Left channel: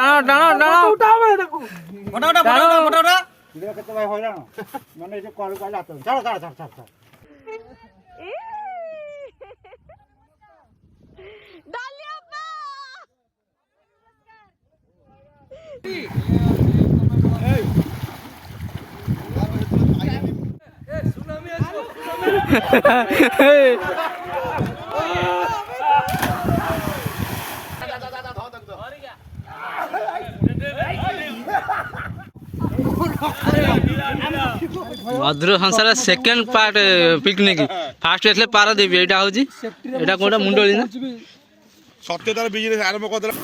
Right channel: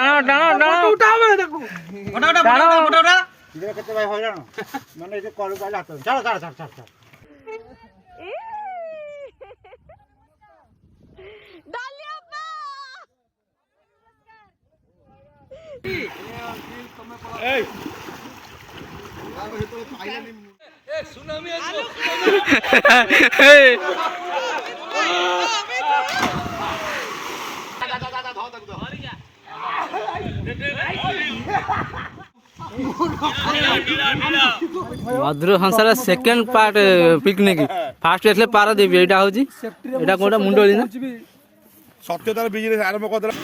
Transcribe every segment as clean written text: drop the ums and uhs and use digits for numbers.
टाणो टाणो टाणो उठावे देखो टाणो केते भाई होइराण माने जे कॉल का जातो चल चल चल चल डालियाप्पा Madhur Sansar second part picnic first एथले पारादीप एटा होची एटा कोडा मुंडोली ना सत्यतार बिजनेस आरंभ करदेला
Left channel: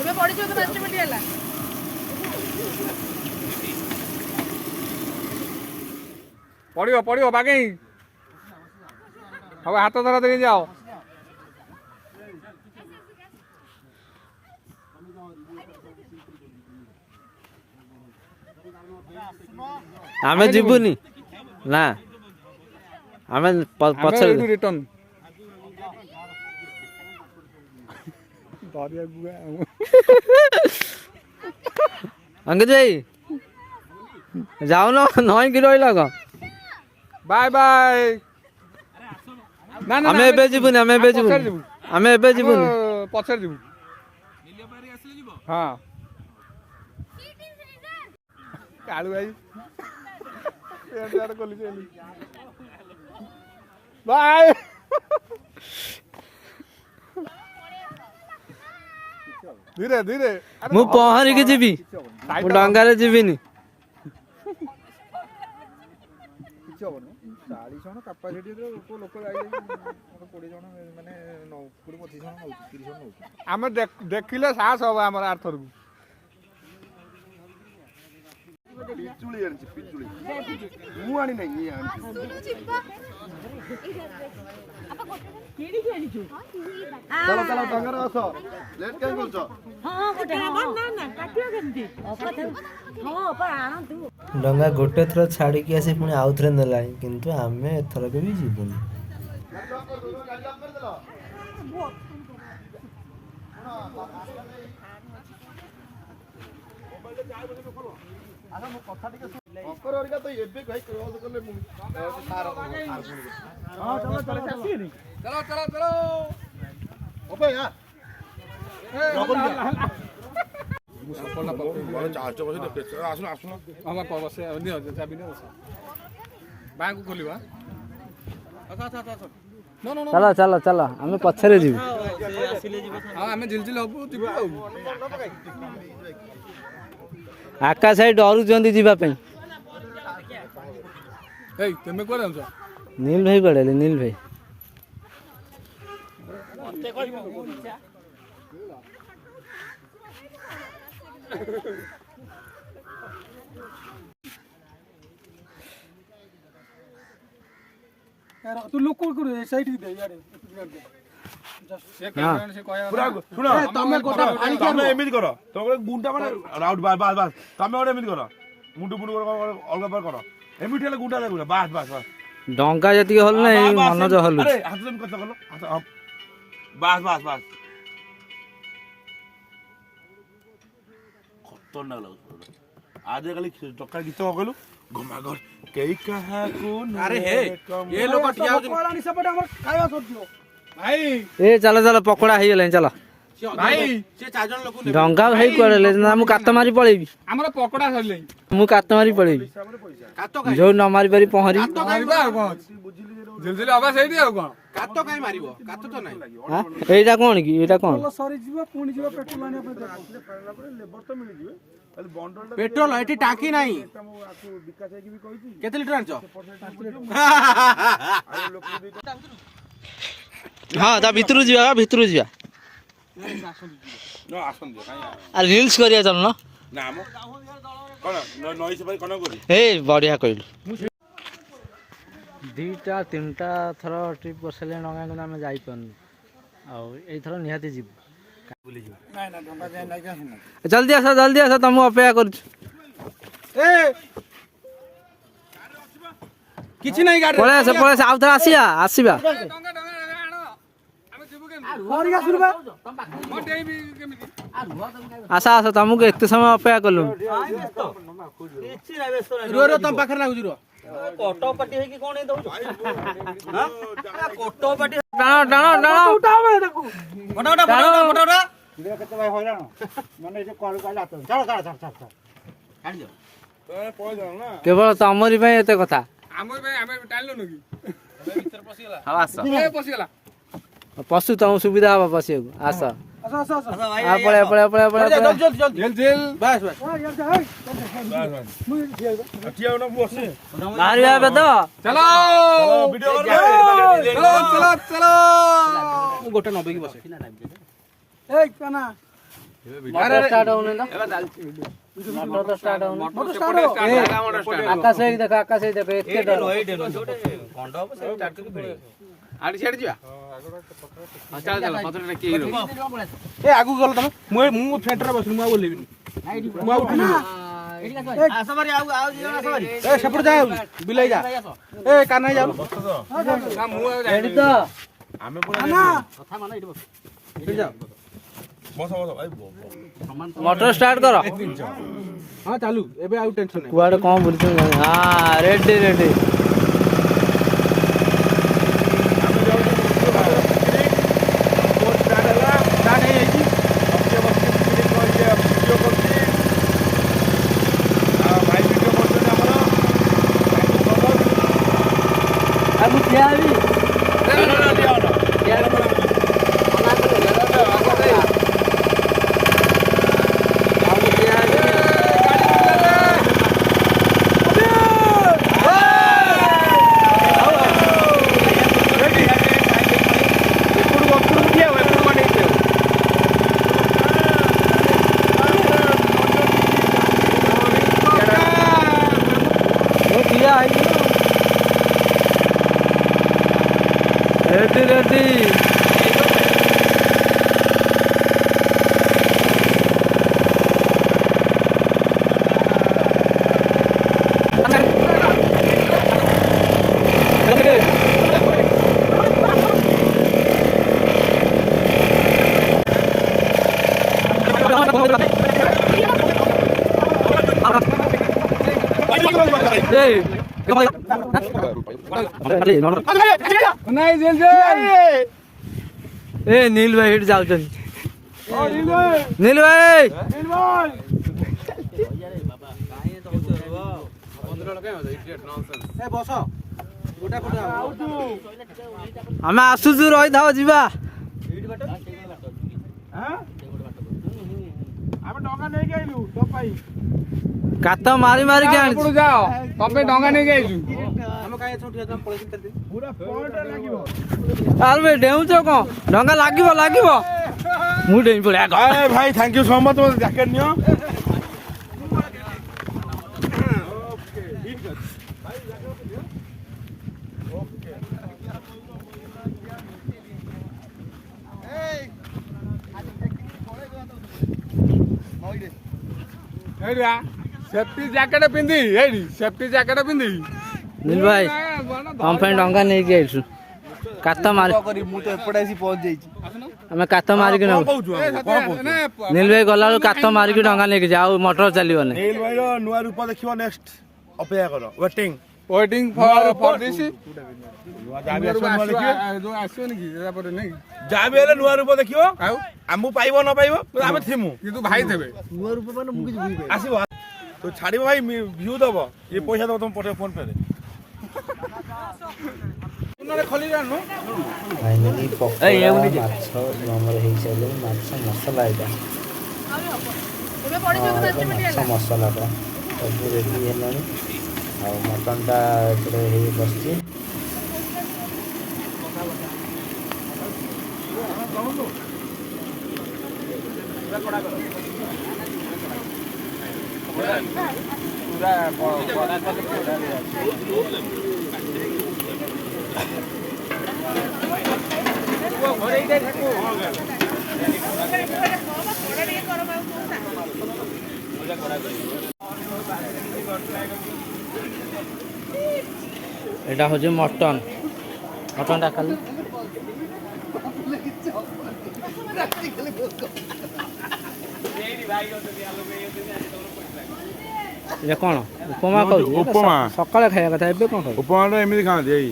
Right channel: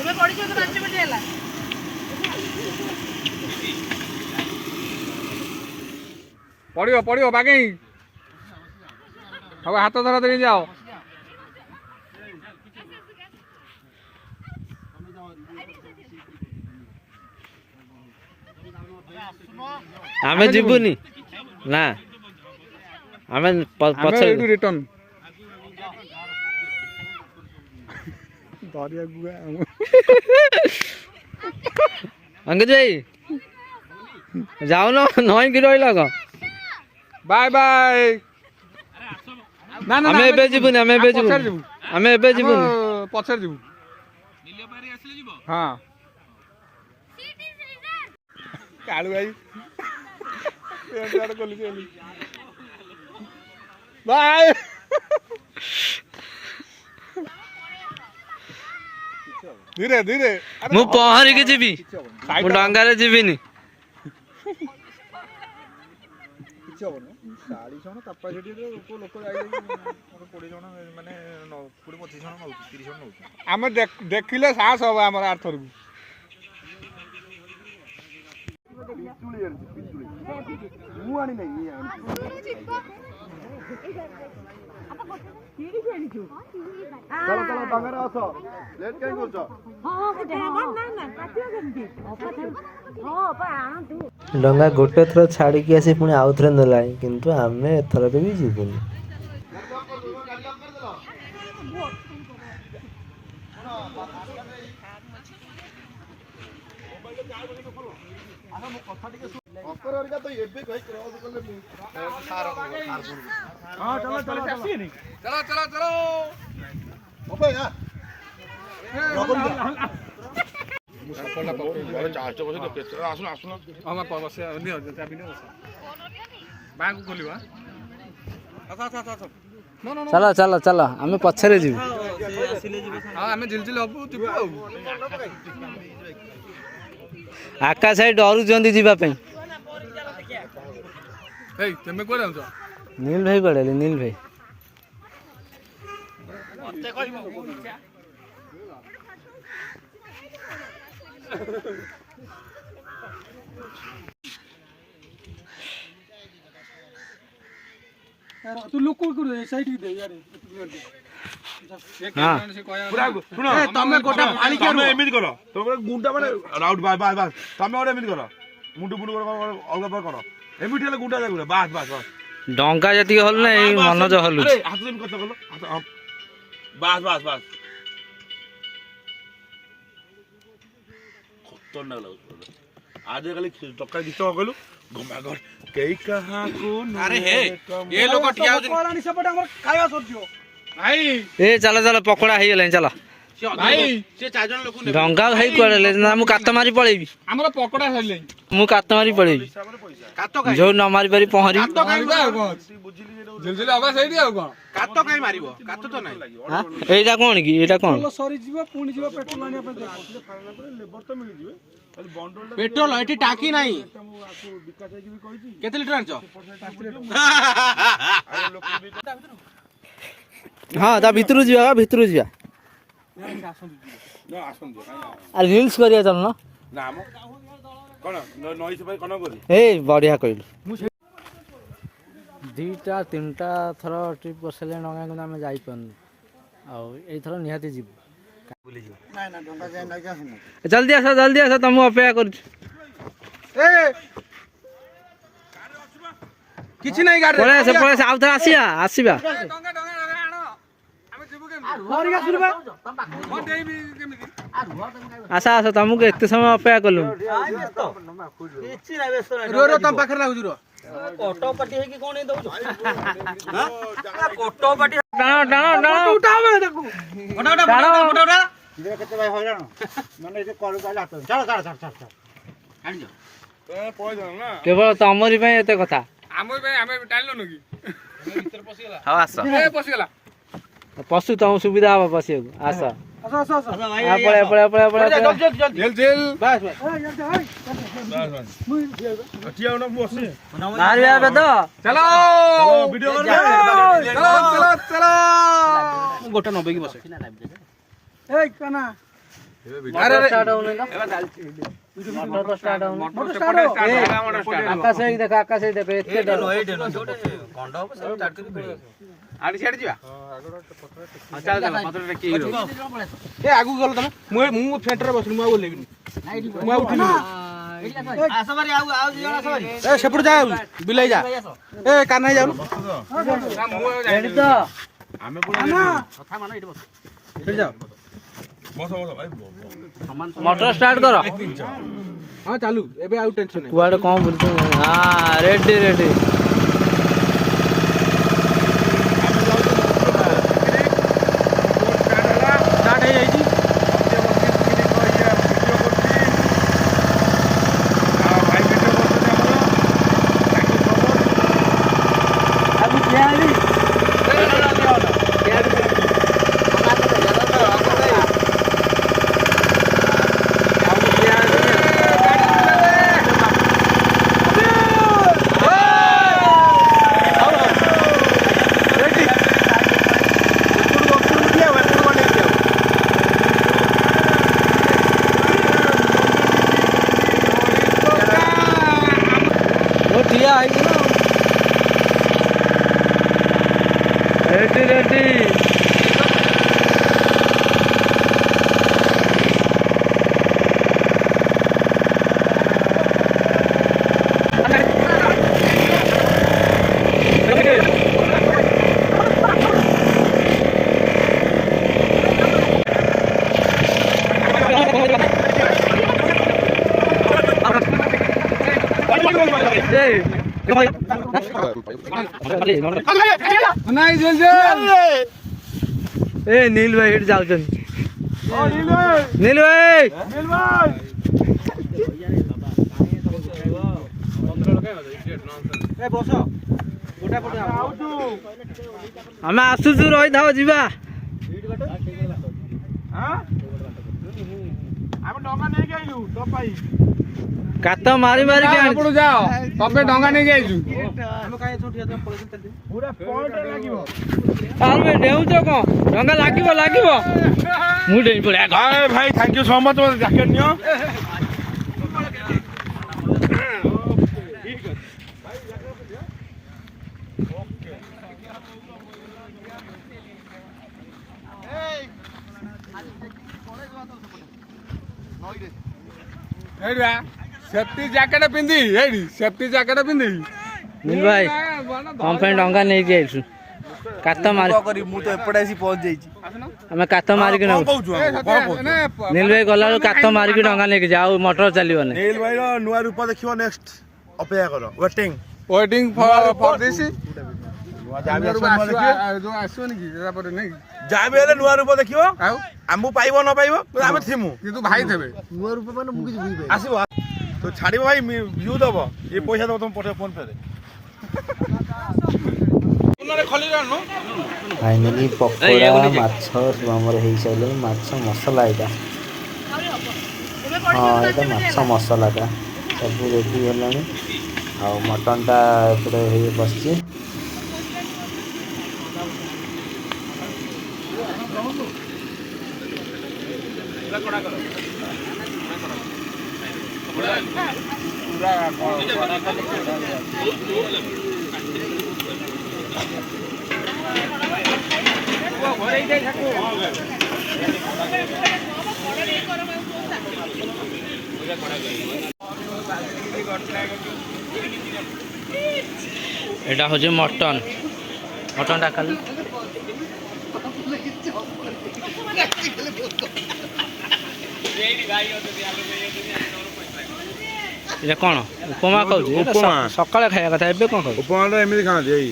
एबे पड़ी जो 5 मिनिट होला पड़ियो पड़ियो बागे अब हाथ धरा दे जाओ आमे जीवुनी ना आमे पछर रिटर्न दरिया गुआ अंकित भाई जाओ ना 9 किलो लगा बाय बाय ना आमे एबे जीवुनी आमे एबे जीवुनी पछर जीवु नीलियो पारी आसले जीवो हां कालू भाई बाय धीरे धीरे मु पहरी के जीवी मु डंगा रे जीविनी କିଛି ହବନି 40 ଜଣ କାପାସିଟିରେ ଲୋକ ଯାଇକି 20 ଜଣ ମାନେ 20 25 ଜଣ ନଉଛି 30 ଜଣ ନଉଛି ଆମେ ଦେଖିଲେ ସାହସ ହବ ଆମର ଆର୍ଥରକୁ ପିଚୁଳି ଆଣିଛି ପିଚୁଳି ମୁଁ ଆଣି ନାହିଁ ଇଏ ଆଣିଛି ଚାଲ ଚାଲ ଡଙ୍ଗର ଆସ ଲେଟ୍ କାଇଁ କରୁଛ डंगा गोटे थर छाड़ी आसी पुणी आउ थे नेला किंतु आमे एथर के भी जीवुनी ଅପର ଅରିକା ତ ଏବେ ଭାଇ କ୍ରସ କଲେ ମୁଁ ସାର ହଁ ଚलो ଚलो ଚलो ଚलो ଚलो ଓପେ ଆ ମୁଁ ସଫଳଟା ପକେଇ ଚାର୍ଜ ବସେ ଆସୁନ ଆସୁନ ହଁ ବସେ ନିଅ ଚାବି ନିଅ ବସେ ବ୍ୟାଙ୍କ ଖୋଲିବା चलो चलो चलो आमे पछरे जीवु ଆଉ ଆମେ ଝିଲଝିଲ ହବୁ ଯିବୁ ଆଉ आकाश भाई डरुचंदी जीवा पई ଏଇ ତମେ କୁଆଡେ ଯାଉଛ नील भाई कड़े नील भाई तू लोक कर साइड दे यार ତମେ ଗୋଟା ପାଣି ତମେ ଏମିତି କର ତମେ ଗୁଣ୍ଡା ମାନେ ରାଉଟ ବାସ୍ ବାସ୍ ବାସ୍ ତମେ ଗୋଟେ ଏମିତି କର ମୁଣ୍ଡୁ ମୁଣ୍ଡୁ ଅଲଗା ପାର କର ଏମିତି ହେଲେ ଗୁଣ୍ଡା ଦେଖୁନ ବାସ୍ बास बास डंगा जति हल नै मनज हलु अरे हाथ से कत कलो बास बास बास खतरनाक लागो आज काली टक्का गीत कहलु घमाघर केई कहा को अरे हे ये लोग ठिया हो पानी सेपटे हमर खाଇବା सरजियो भाई ए चला चला पकोड़ा हेइ गेलै चला भाई से चार जन लोग डंगा भाई कोड़े ले ना मु कात मारी पळेबी ଆମର ପକଡା ସରିଲେ मु कात मारी पळेबी कातो काई जो न मारी पारी पहरी କାତ କାଇବା ଆଉ କଣ ଝିଲଝିଲ ହବା ସେଇଠି ଆଉ କଣ कातो काई मारिबो कातो तो नाही हां एटा कोन की एटा कोन सरी जीव पुणी जीव पेट्रोल आनी अपन लेबर तो मिल जिवे खाली बंडल पेट्रोल एटी टाकी नाही विकास की भी कहिची केते लिटर आनछ हां ता भितरु जिया नो आसन दे आ रील्स करिया चल न ना मो कोन नई से भाई कोन करी ए बढ़िया कइलु दीटा तीनटा थर ट्रिप करसले नगा को हम जाई पन आ ए थर निहाती जीव बुली जीव ना ना ढंगा जाय ना का जल्दी आसा तुम अपेक्षा कर ए किछि नाही गाडी पळे आसे आउ थर आसिया ଡଙ୍ଗା ଡଙ୍ଗା ଆଣ ଆମେ ଯିବୁ କେମିତି ଧରିକି ଆସିଲୁ ବା ଆସ ଆସ ତମକୁ ଏତେ ସମୟ ଅପେକ୍ଷା କଲୁ। ରୁହ ରୁହ ତମ ପାଖରେ ଲାଗୁଛି ରୁହ। କଟପାଟି ହେଇକି କଣ ଦଉଛୁ? କଟପାଟି ଟାଣ ଟାଣ ଟାଣ ଟାଣ। ଭିଡ଼ିଓ କେତେ ଭାଇ ହଇରାଣ ମାନେ ଏ ଯୋଉ କଳକୁ ହାତ ଛାଡ଼ ଛାଡ଼ ଛାଡ଼ ଛାଡ଼ ଛାଡ଼ କେବଳ ତମରି ପାଇଁ ଏତେ କଥା। ଆମ ପାଇଁ ଆମେ ଟାଣିଲୁ କି ହଉ ଆସ ପଶିଗଲା ପଶୁ ତମକୁ ସୁବିଧା ହବ ପଶିବାକୁ। ଆସ ଆସ ଆସ ଆସ ପଳେଇ ପଳେଇ ପଳେଇ ପଳେଇ ବାସ୍ ବାସ୍ ବାହାରିବା ଏବେ ତ। ଚାଲ ଚାଲ ଗୋଟେ 90 କି ବସେ। ଏଇ କାନା ମଟର ଷ୍ଟାର୍ଟ ହଉନି ତ। ମଟର ତ ଷ୍ଟାର୍ଟ ହଉନି। ଆକାଶ ହେଇକି ଦେଖ ଆକାଶ ହେଇକି ଦେଖ ଏତେ ଡର। ଆଡି ଛାଡି ଯିବା। ହଁ ଚାଲ ଚାଲ ପତ୍ର ଟେକି ହିରୋ। ଏ ଆଗକୁ ଗଲ ତମେ। ମୁଁ ଫେଣ୍ଟରେ ବସିନି ମୁଁ ଆଉ ଓଲେଇବିନି। ମୁଁ ଆଉ ଉଠିନି। ଆସ ବାରି ଆଉ ଜଣ ଆସ ବାରି। ଏ ସେପଟ ଯା ବିଲେଇ ଯା। ଏ କାନ୍ନା ଯାଉ। ନା ମୁଁ ଆଉ ରେଡି ତ। ଆମେ ପୁରା କଥା ମାନ ଏଠି ବସ। ଏଠି ଯା। ବସ ବସ ଭାଇ ମଟର ଷ୍ଟାର୍ଟ କର। ହଁ ଚାଲୁ ଏବେ ଆଉ ଟେନସନ ନାହିଁ। କୁଆଡେ କଣ ବୁଲୁଛୁ? ହଁ ରେଡି ରେଡି। रेडी रेडी ए नील भाई हिट जाउछन नील भाई ए बस गोटा पटे हमें आसुचु रही था जीवा ଆମେ ଡଙ୍ଗା ନେଇକି ଆଇଲୁ ତୋ ପାଇଁ कात मारी मारी के आनी ଯାଅ ତମେ ଡଙ୍ଗା ନେଇକି ଆଇଛୁ हम काहे छुटिया तम पळेसिन तलते ପୁରା ପଏଣ୍ଟ ଲାଗିବ आर बे डेउछ को ढंगा लागिबो लागिबो मु डेई पड़े हाय भाई थैंक यू सो मच मत जैकेट नियो ଏଇଟା ସେଫ୍ଟି ଜ୍ୟାକେଟ ପିନ୍ଧି ଏଇଠି ସେଫ୍ଟି ଜ୍ୟାକେଟ ପିନ୍ଧି नील भाई हम पे ढंगा नहीं गेलछु कात मारी मु तो एपटे आसी पहुंच जाईची हमें कात मारी के न नील भाई गला कात मारी के ढंगा नहीं जाओ मोटर चलियो ने नील भाई रो नुआ रूप देखियो नेक्स्ट अपेक्षा करो वेटिंग फॉर दिस जाबे देखियो जो आसोनी की जरा पर नहीं जाबे ले नुआ रूप देखियो आमु पाइबो न पाइबो आमे थिमु କିନ୍ତୁ ଭାଇ ଦେବେ नुवा रूप माने मु किछ बुझी पाइ आसीबो तो छाड़िबो भाई व्यू दबो ये पैसा दबो तुम पठे फोन पे रे ଖୋଲି ଜାଣୁ फाइनली पकोड़ा माछ हमर हेई साइलो माछ मसाला एटा ଏବେ हां ପଡିଛି एटा माछ मसाला टा सब रेडी हेलानी आ मटन टा एपटे हेई बसची एटा हो जे मटन मटन टा खाली এটা କ'ଣ ଉପମା ଖାଉଛି ସକାଳେ ଖାଇବା କଥା ଏବେ କ'ଣ ଖାଉଛି ଉପମାଟା ଏମିତି ଖାଆନ୍ତି ଏଇ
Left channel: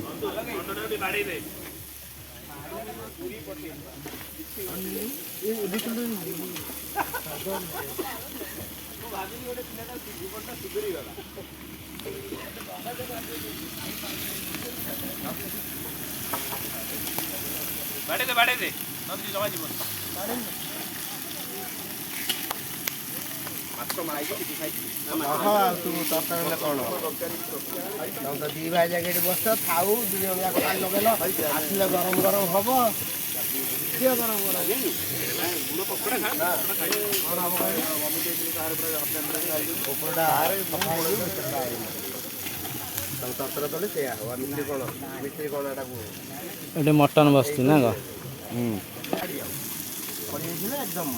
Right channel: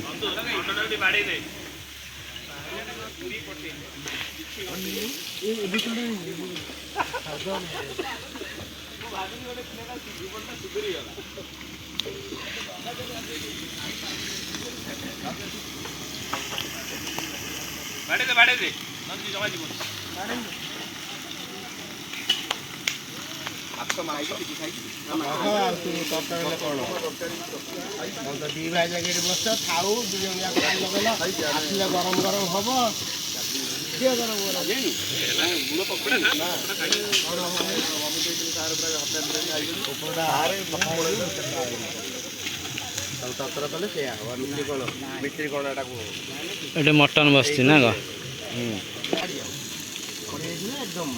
ତୁ ତରତର ହେଲେ କ'ଣ ତମେ ତ ଦି ଭାଇ ଯାକ ଏଠି ବସିଛ ଥାଉ ଦି ଜଣ ଯାକ ପାଣି ଲଗେଇଲ ଆସିଲେ ଗରମ ଗରମ ହବ କିଏ ଗରମ ଗରମ କପଡ଼ଟା ତରତର କଲେ ସେଇଆ ହବ ମିଠି କ'ଣ ଏଟା କୁହ ଏଠି ମଟନ ବସିଛି ନା କ'ଣ ଏକଦମ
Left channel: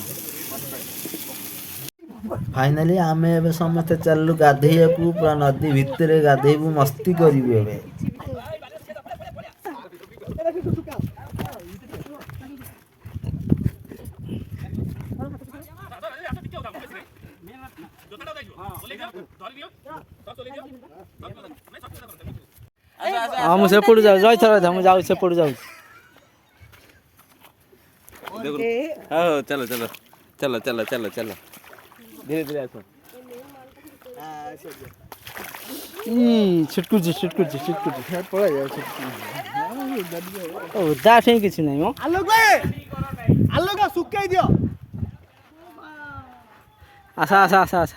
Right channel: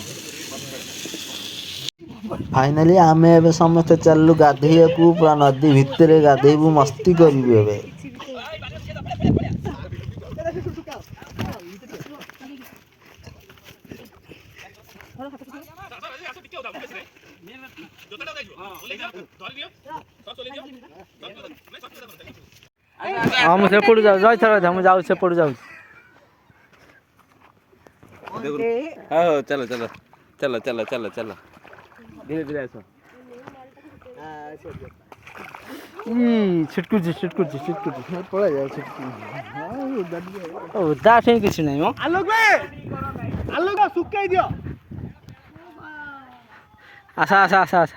फाइनाली आमे एबे समस्त चललु गाधेयकू पूरा नदी भितरे गाधेबू मस्ती करिबू एबे हाँ मुझे पड़ जाऊ जाई थरा हम जाऊ से पड़ जाऊ हाँ चलो चलो चलो चलो चलो चलो धीरे धीरे आसो छिटकू पड़ा जाए दास किसी नहीं हो आलोक सुकाई दियो आसा आसा आसा आसा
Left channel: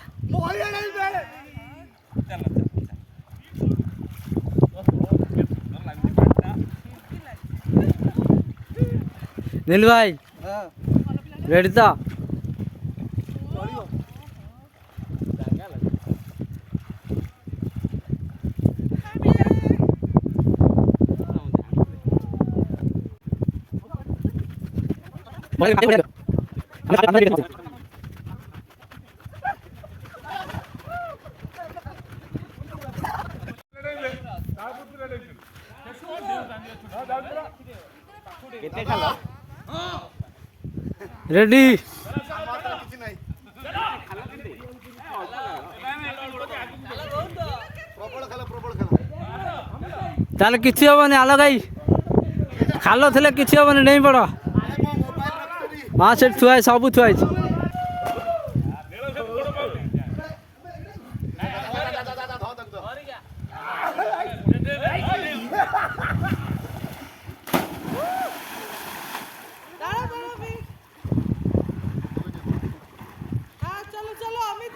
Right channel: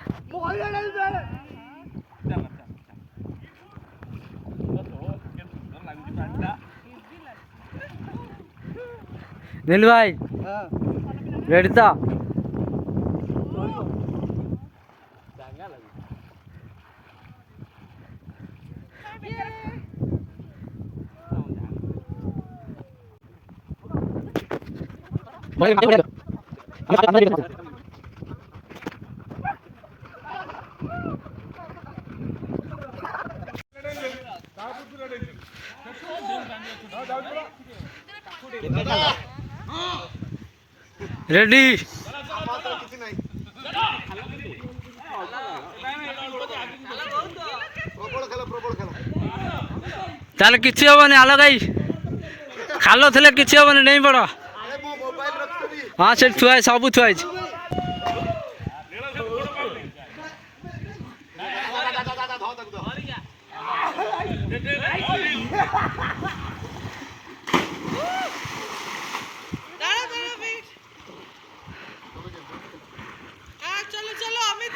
नील भाई रेडी तो रेडी ताले किछि हबनी आलो गाई खालो थले किछि हबनी नहीं पड़ हाँ से थुआ सब थुआ चलो चलो अमित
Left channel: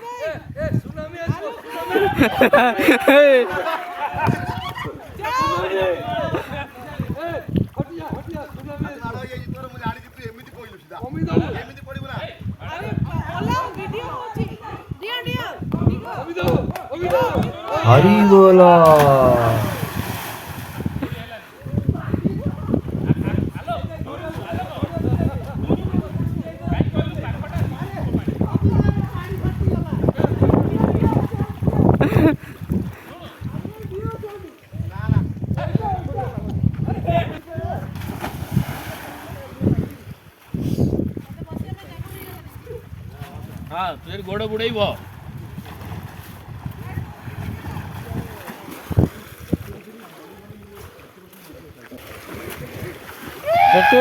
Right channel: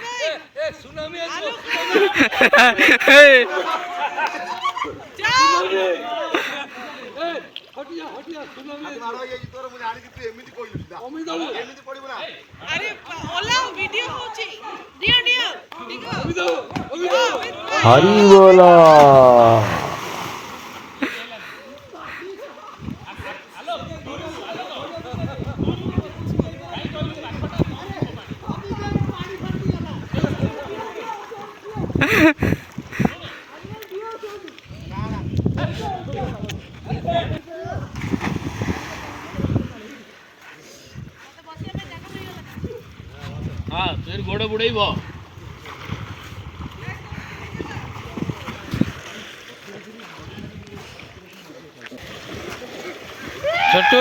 भाई अरे ओला वीडियो होची दियो दियो हरि बोलो हाँ फिर गोड़े बुड़ेइबो छोटू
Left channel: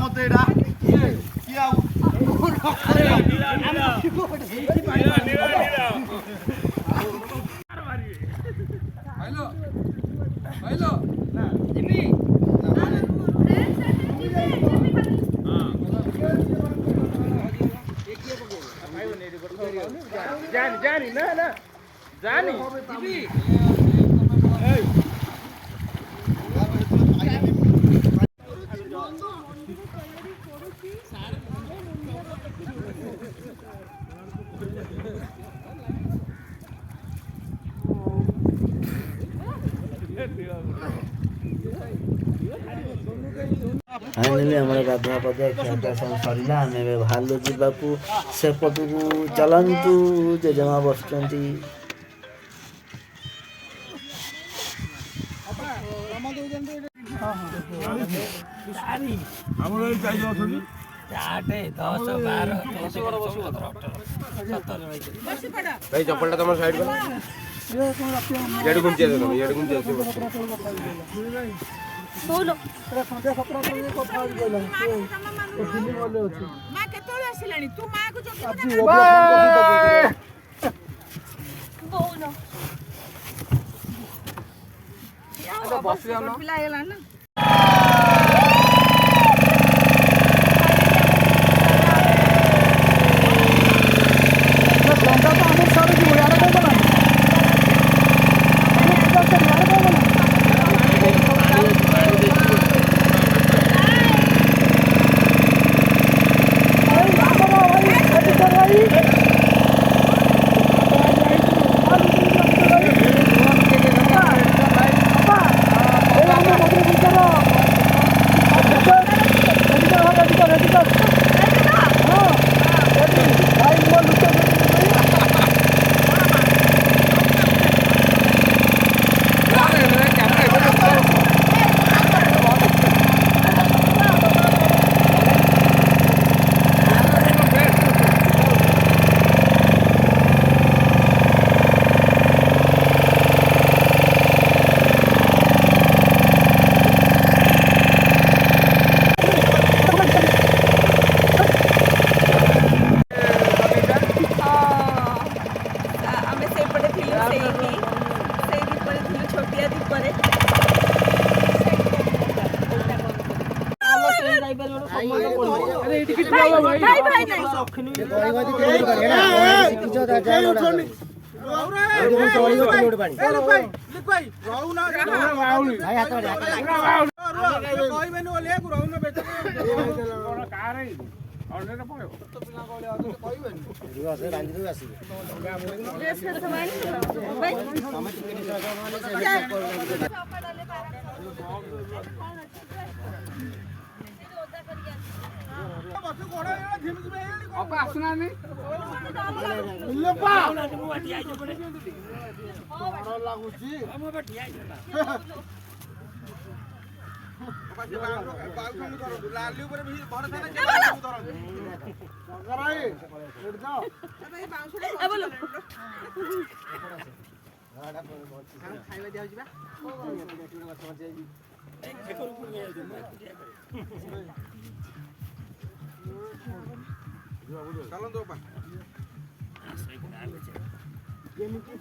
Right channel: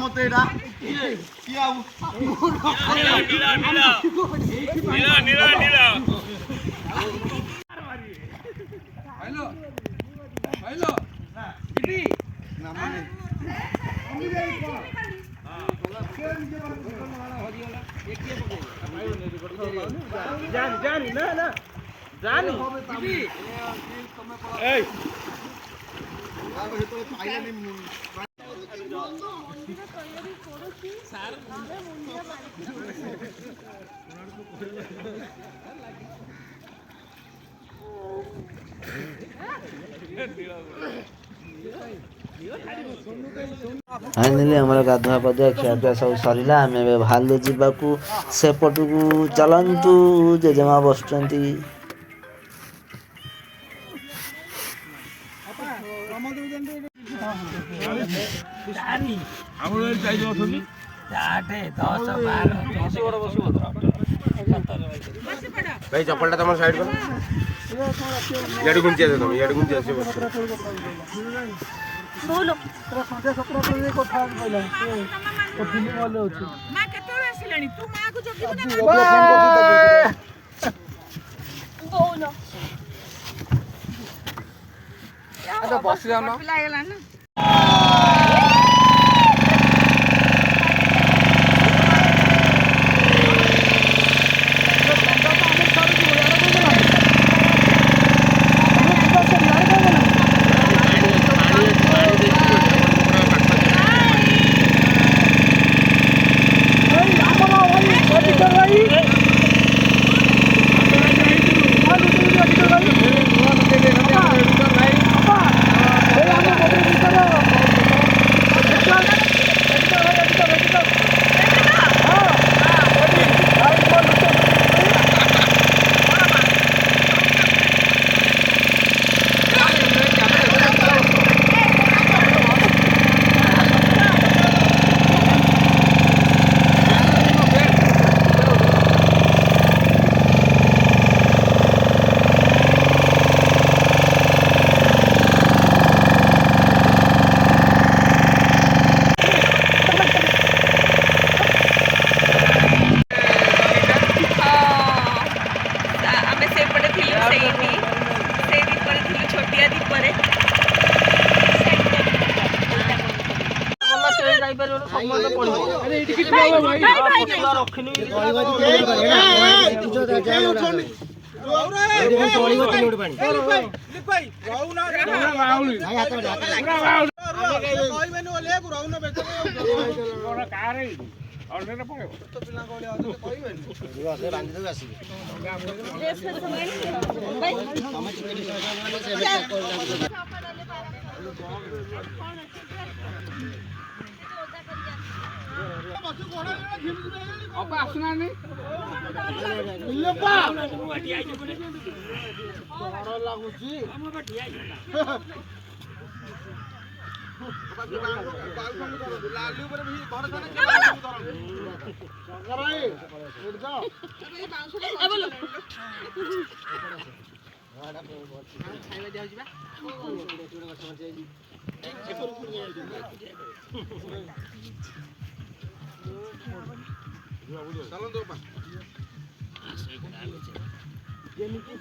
मत एटा जानी ना जानी फाइनाली आमर गाधुआ पाधुआ खिआपिआ सब सरला आम बाहर जावाक सेपटू चलतु जेजेमा बसुँच भाई चप्पल तुम साइड करो यार गुंचे दे तुम यार गुंचे से बोलो ସନ୍ଧ୍ୟା 17 କଥା କହିଲା ଓ ଫିଲ୍ମ ଭଲ ଅଛି ମା କେତେବେଳେ ଆସିଲାଣି ତୁ ମା କୁ ଆଜି ଜଗି ବୋଉନ ବସି ଯାଉନ ପିଲା ହେଇଗଲା ନା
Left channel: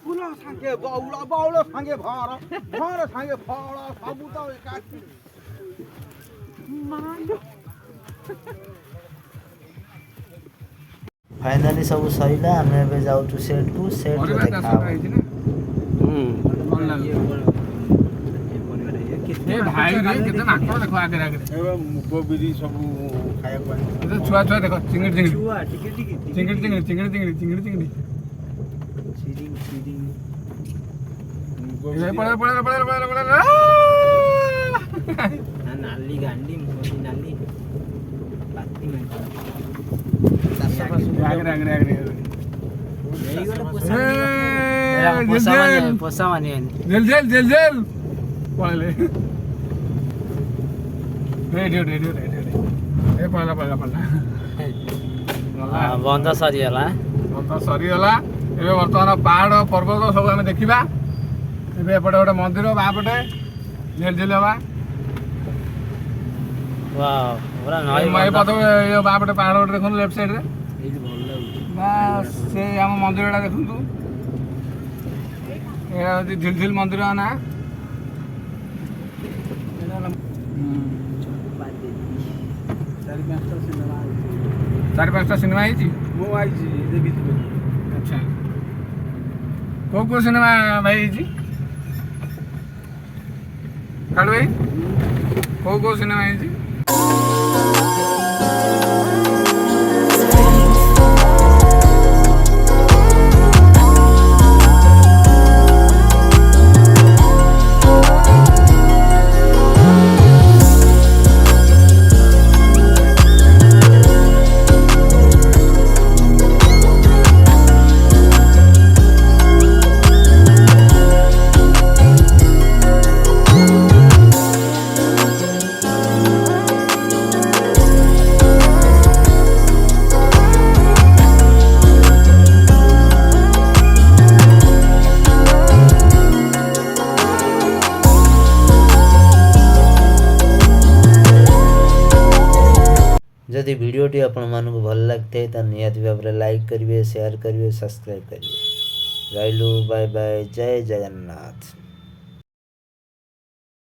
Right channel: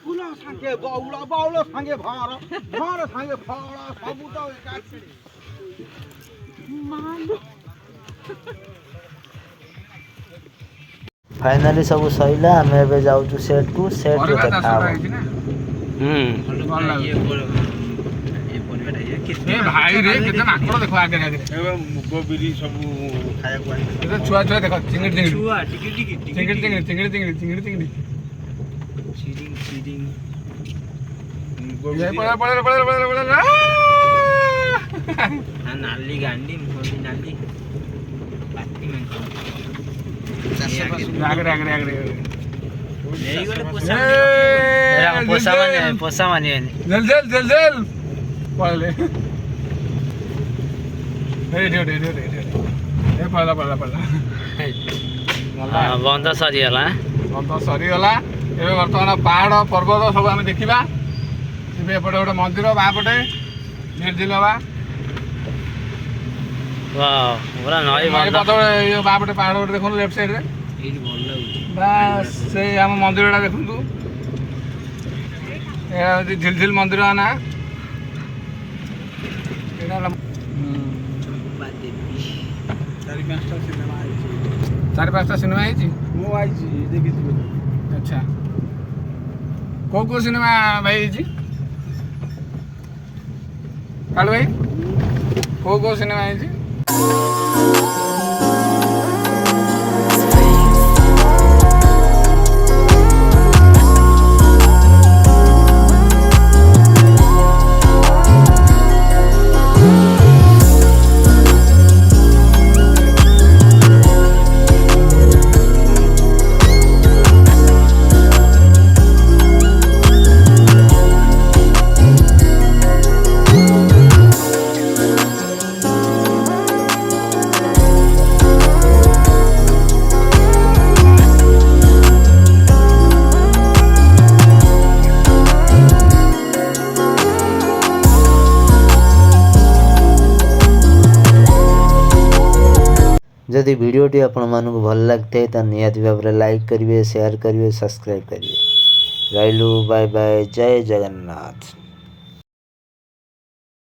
ଫୁଲ ସାଙ୍ଗେ ବାଉଳ ବାଉଳ ସାଙ୍ଗେ ଭାର ଭାର ସାଙ୍ଗେ ଫଳ ସବୁ ତ ଏକାଠି फाइनाली सब सैला आम ए जाऊँ सेट को सेट रे देखा भाई रे केते माकड़ देखो आगे आगे ए मुगो बिरी सब खाया को ए छुआ छुआ देखो चिंगड़ी चिंगड़ी छुआ टिकी टिकी चिंगड़ी चिंगड़ी चिंगड़ी चिंगड़ी चिंगड़ी चिंगड़ी चीडिंग चीडिंग मुगो बिरी पड़ा पड़ा पड़ा पड़ा पड़ा हां नाली गांडी मुगो नाली बाती में आगे आगे आगे यही गले पोसा मानी जल जल जल जल पळले हे दे दे दे दे ए पळला पळला पळला हां बंद सरी गला ए वर्तमान पहाड़ पर्वत सब आम देखा एपटे गोटे मंदिर बापटे झेलझिल हवा पूरा नई बापटे पहाड़ गोटे देखो लेफ्ट साइड रे बस से आम मंदिर देखु झिलझिल मंदिर ना चार पाँचटा सिनेमा अच्छा कौ कौ सिनेमा भाई कालू भाई कौ कौ सिनेमा जदि वीडियोटी आपको भल लगी तो निहाती भाव में लाइक करेंगे, शेयर करेंगे, सब्सक्राइब करेंगे। रही बाय बाय, जय जगन्नाथ।